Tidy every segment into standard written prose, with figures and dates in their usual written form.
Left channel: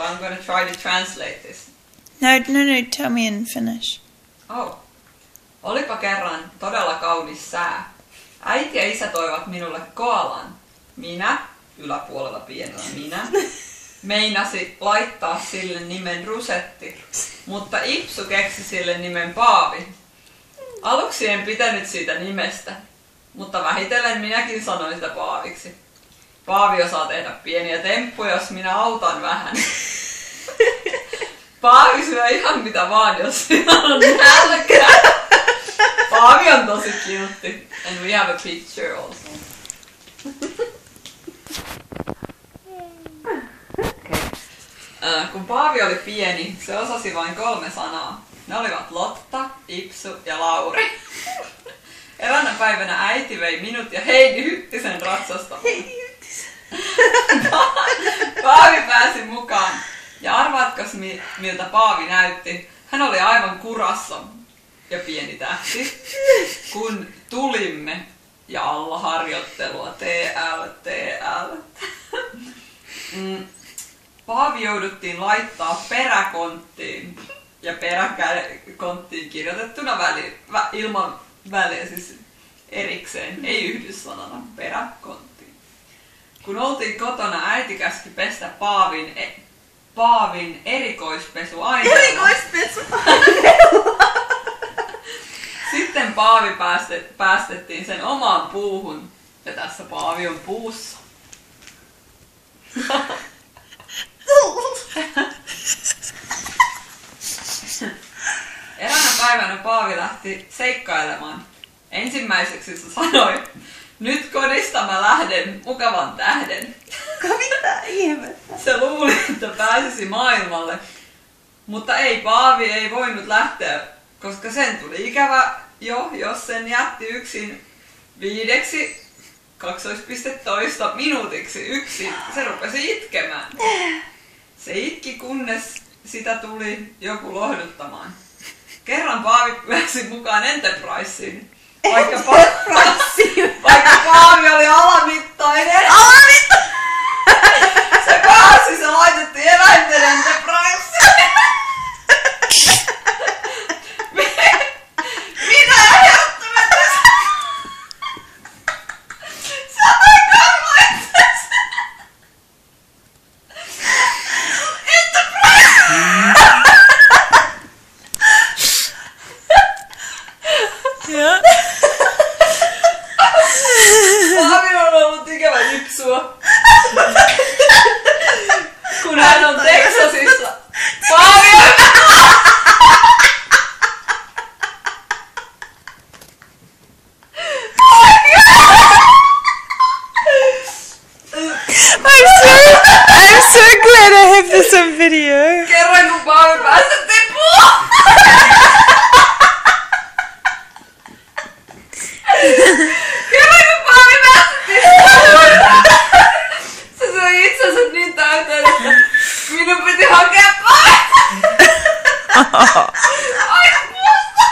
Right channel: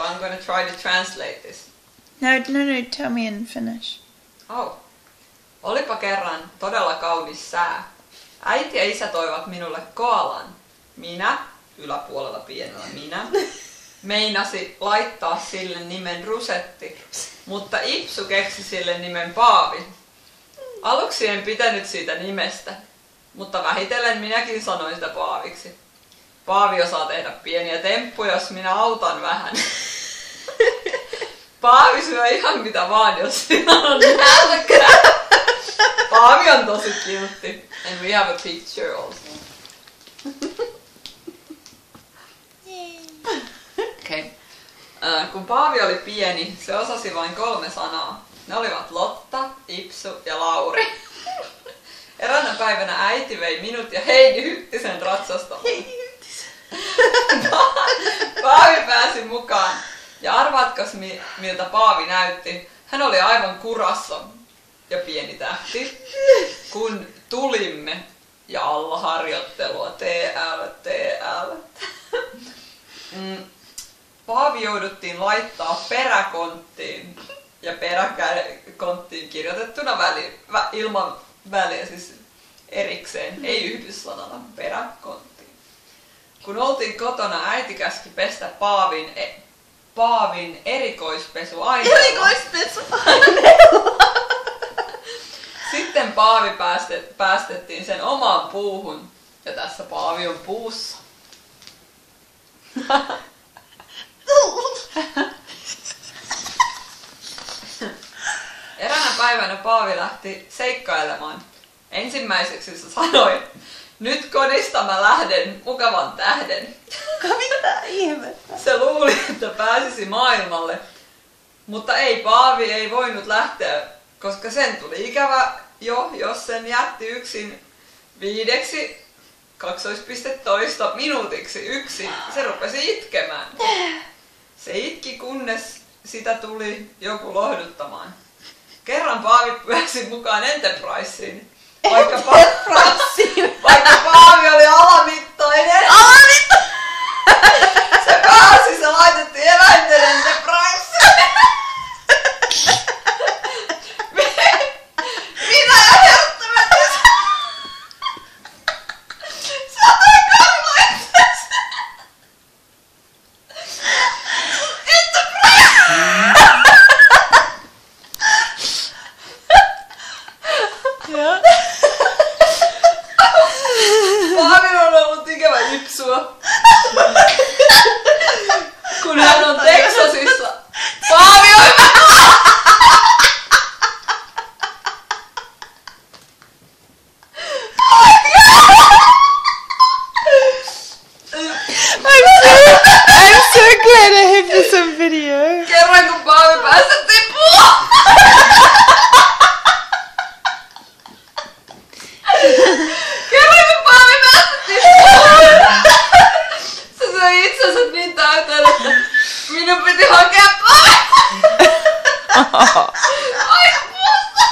so I'm going to try to translate this. No, tell me in Finnish. Oh. Olipa kerran todella kaunis sää. Äiti ja isä toivat minulle koalan. Minä, yläpuolella pienellä minä, meinasi laittaa sille nimen Rusetti, mutta Ipsu keksi sille nimen Paavi. Aluksi en pitänyt siitä nimestä, mutta vähitellen minäkin sanoin sitä Paaviksi. Paavi osaa tehdä pieniä temppuja, jos minä autan vähän. Paavi syö ihan mitä vaan, jos siinä on nälkää. Paavi on tosi cute. And we have a picture also. Okay. Kun Paavi oli pieni, se osasi vain 3 sanaa. Ne olivat Lotta, Ipsu ja Lauri. Eräänä päivänä äiti vei minut ja Heidi Hyttisen ratsastamaan. Heidi Hyttisen. Paavi pääsi mukaan. Ja arvaatko miltä Paavi näytti? Hän oli aivan kurassa ja pieni tähti, kun tulimme ja alla harjoittelua TL. Paavi jouduttiin laittaa peräkonttiin ja peräkonttiin kirjoitettuna ilman väliä, siis erikseen, ei yhdyssanana, peräkonttiin. Kun oltiin kotona, äiti käski pestä Paavin erikoispesuaineella. Sitten Paavi päästettiin sen omaan puuhun. Ja tässä Paavi on puussa. Eräänä päivänä Paavi lähti seikkailemaan. Ensimmäiseksi se sanoi, nyt kodista mä lähden mukavan tähden. Mitä ihmettä? Se luuli, että pääsisi maailmalle, mutta Paavi ei voinut lähteä, koska sen tuli ikävä jos sen jätti yksin 5 minuutiksi yksin. Se rupesi itkemään. Se itki, kunnes sitä tuli joku lohduttamaan. Kerran Paavi pääsi mukaan Enterpriseen. Vaikka Paavi oli alamittainen. Se laitettiin eläinten Enterpriseen. Mitä ajattelet? Sä olet karvoitteessa. Enterprise! Ja. Paavi on ollut ikävä Ipsua. Kun hän on Texasissa. Paavi on I'm so glad I have this on video. kerran kun Paavi päästettiin puuhun. Kerran kun Paavi päästettiin puuhun. Se söi itsensä niin täyteen, että minun piti hakea Paavi. Aina puusta.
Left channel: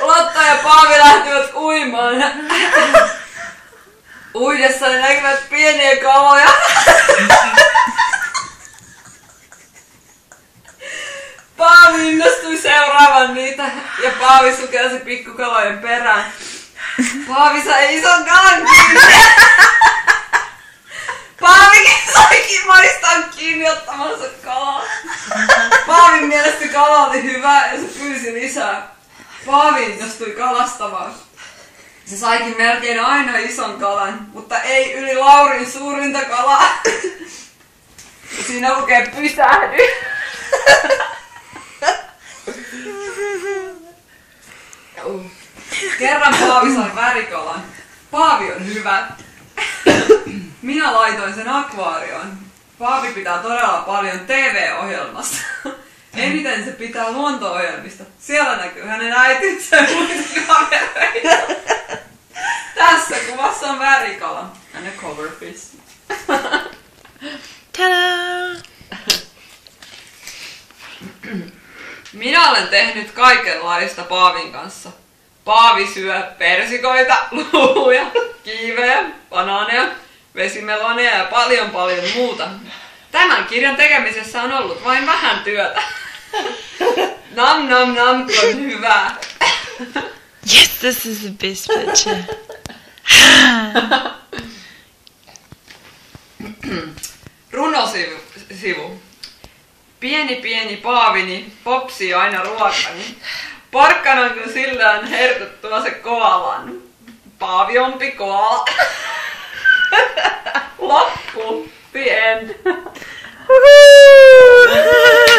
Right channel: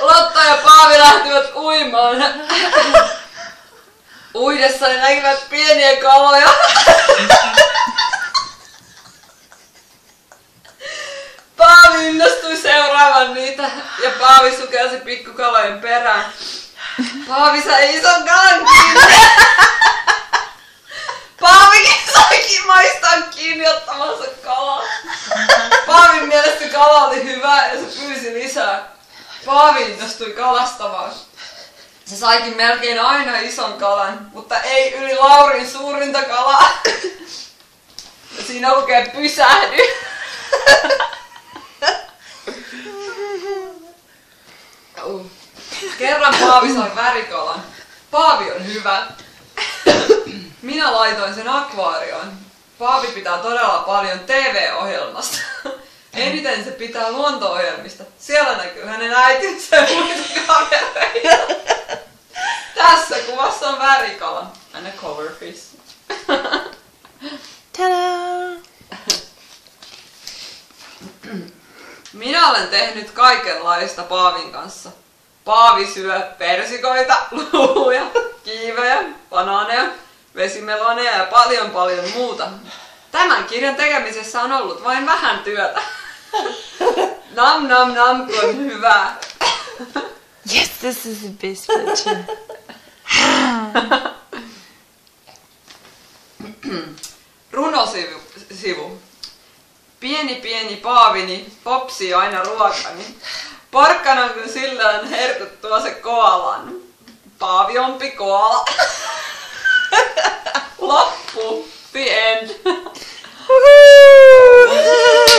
Lotta ja Paavi lähtivät uimaan. Uidessa ne näkivät pieniä kaloja. Paavi innostui seuraavan niitä ja Paavi sukelsi pikkukalojen perään. Paavi sai ison kalan kiinni. Paavikin saikin maistaa kiinni ottamansa kalaa. Paavin mielestä kala oli hyvä ja se pyysi lisää. Paavi innostui kalastamaan. Se saikin melkein aina ison kalan, mutta ei yli Laurin suurinta kalaa. Ja siinä lukee pysähdy. Kerran Paavi sai värikalan. Paavi on hyvä. Minä laitoin sen akvaarioon. Paavi pitää todella paljon TV-ohjelmasta. Eniten se pitää luonto-ohjelmista. Siellä näkyy hänen äitinsä ja muita kavereita. Tässä kuvassa on värikala. And a coverfish. Ta-da! Minä olen tehnyt kaikenlaista Paavin kanssa. Paavi syö persikoita, luuja, kiivejä, banaaneja, vesimeloneja ja paljon muuta. Tämän kirjan tekemisessä on ollut vain vähän työtä. Nam nam nam, kun hyvää. Yes, this is the best picture. Runosivu. Pieni paavini popsii aina ruokani. Porkkanan kun sillä on herkuttua se koalan. Paaviompi koala. Loppu. The end. Woohoo!